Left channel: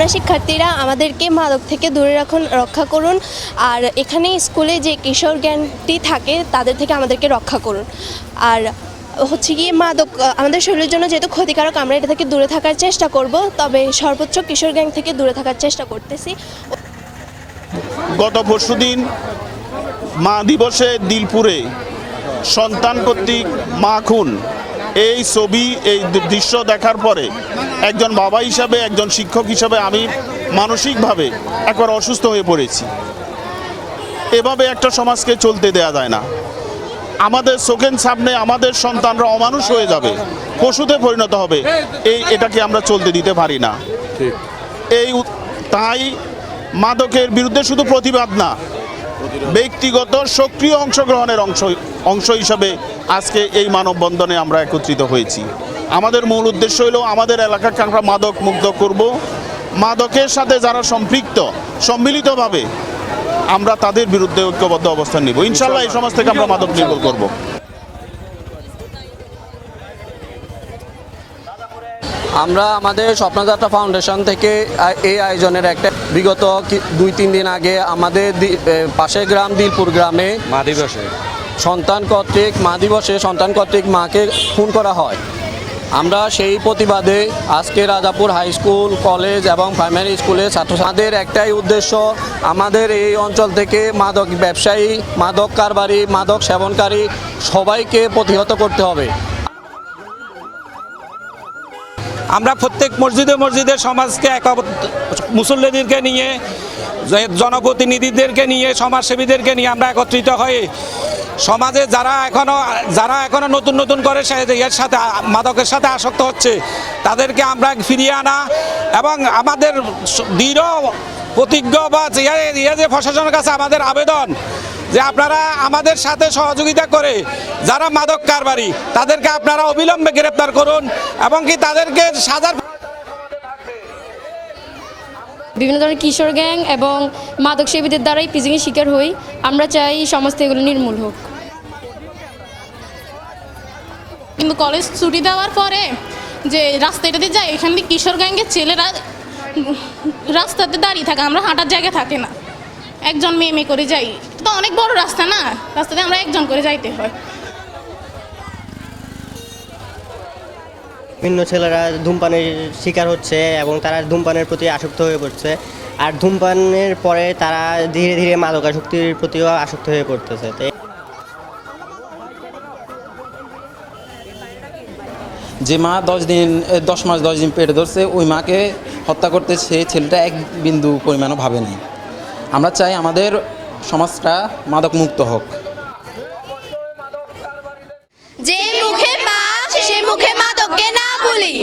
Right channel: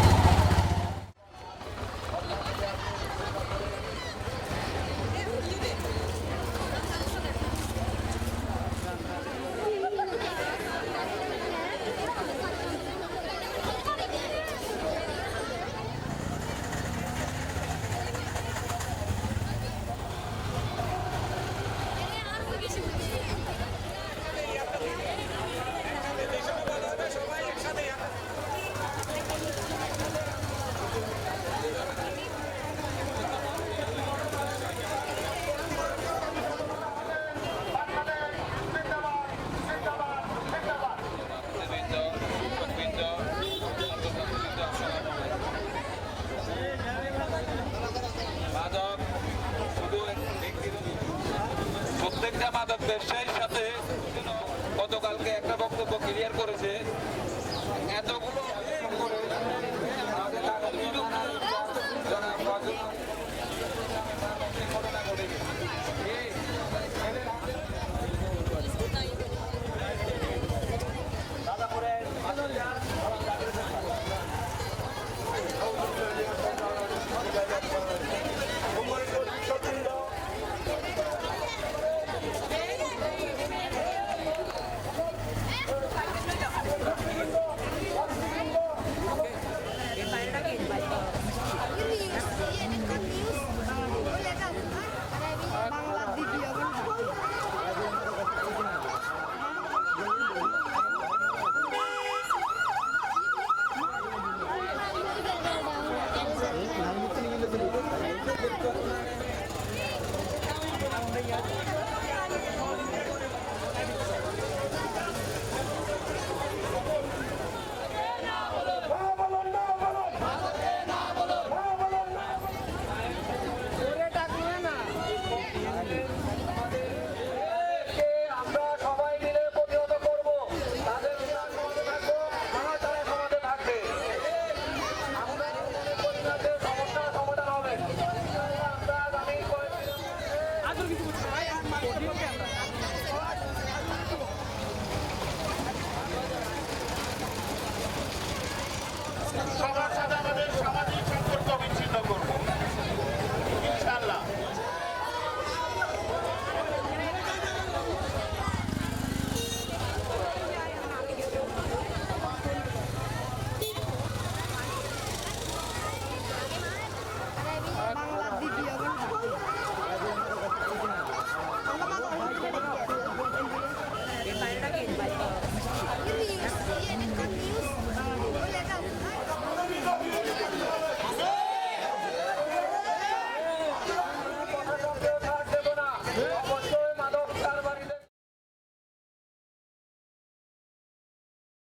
আমরা শিক্ষার্থীরা আমাদেরকে মাদক থেকে দূরে রক্ষা করুন, আর এখানে স্কুলে যে কিশোর গ্যাংটি থাকে তাদের থেকে আমাদেরকে রক্ষা করুন। আর হচ্ছে গিয়ে মাদক আমাদের শরীরের জন্য যেহেতু ক্ষতিকারক, আমরা এটা থেকে দূরে থাকার চেষ্টা করব, তবে সর্বোচ্চ কিশোর গ্যাং থেকে দূরে থাকার চেষ্টা করতেছি। গত পরশুদিন মা দিবসে দিলপুরে সন্তান কর্তৃক মা খুন এই ছবি, এই দৃশ্য দেখার পরে একজন বাবা হিসাবে, একজন শিক্ষক হিসাবে আমি মানসিকভাবে একবার অসুস্থ হয়ে পড়েছি। এভাবে একটা সমাজকে চলতে দেয়া যায় না। আমাদের চোখের সামনে আমাদের সন্তানরা অমানুষ হয়ে যাবে, পশুতে পরিণত হবে, এটাকে আমরা চলতে দিতে পারি না। তাই মাদকের বিরুদ্ধে শুধু প্রতিবাদ না, ব্যক্তিগত সক্রিয় অংশগ্রহণের অংশ হিসাবে আজকে এই মানববন্ধনে আমরা একত্রিত হয়েছি। আমাদের মূল উদ্দেশ্য হলো আমাদের এলাকাকে আমরা মাদক মুক্ত করব। মাদকের সাথে যারা সম্পৃক্ত, সম্মিলিতভাবে আমরা তাদের বিরুদ্ধে ঐক্যবদ্ধ অবস্থান নিব। ইনশাল্লাহ এই সমাজ থেকে আমরা মাদক নির্মূল করব। আমরা আমাদের স্বপ্নযাত্রা ফাউন্ডেশন থেকে এই আয়োজনের একটা বিগত 2-3 দিন আগে আমাদের পাশের গ্রাম দিলপুর গ্রামে মা দিবসে সন্তান কর্তৃক মাকে খুন করা হয়। আমরা সেই প্রতিবাদে আজকে রাজাপুর হাই স্কুল, কলেজ এবং প্রাইমারি স্কুলে ছাত্রছাত্রীদের একটাই উদ্দেশ্য, আমাদের এই অঞ্চল থেকে মাদক ব্যবসায়ী, মাদক কারবারি, মাদক সেবনকারী সবাইকে প্রতিহত করতে হবে। আমরা প্রত্যেক মসজিদে সমাজকে মুসল্লিদেরকে নিয়ে, জনপ্রতিনিধিদেরকে নিয়ে, সমাজসেবীদেরকে নিয়ে আমরা একত্রিত হয়ে সমাজে যারা এখনো নতুন করে এর সাথে মাদকের সাথে আসক্ত হচ্ছে তাদেরকে আমরা ফিরিয়ে আনা এবং আমাদের দৃঢ় প্রতিজ্ঞ বা যে প্রশাসনের কাছে আমাদের আবেদন যে আপনারা আমাদের সাথে সহযোগিতা করে যারা মাদক কারবারি তাদেরকে আপনারা অবিলম্বে গ্রেপ্তার করুন এবং কি তাদেরকে সাজার বিভিন্ন ধরনের কিশোর গ্যাং এবং মাদক সেবীদের দ্বারাই পিজিংয়ের শিকার হই। আমরা চাই সমাজ থেকে এগুলো নির্মূল হোক। কিন্তু কলেজ ছুটি দেওয়ার পরে যে রাস্তাটাতে যায়, এখান থেকে কিশোর গ্যাংয়ের ছেলেরা রাস্তাতে দাঁড়িয়ে থাকে, আমরা হাঁটার জায়গা থাকে না, একজন মেয়ে করে যাই। তো অনেক বড় রাস্তা না, রাস্তাতে আমরা একজন করে যাইতে হয়। বিভিন্ন ছেলেরা ধূমপানের শিকার হচ্ছে এবং তারা ধূমপানের প্রতি আসক্ত হয়ে পড়ছে, আর ধূমপানের পরে তারা ধীরে ধীরে মাদকাসক্তির প্রতিও আসক্ত হয়ে পড়তেছে। যে মা 10 মাস 10 দিন পেটে ধরছে, ওই মাকে হত্যা করতে সেই ছেলেটা এক বিন্দু পরিমাণও ভাবেনি। আমরা চাই আমাদের সমাজটা মাদক মুক্ত হোক। যে মুখে মা সে মুখে মাদককে না বলি।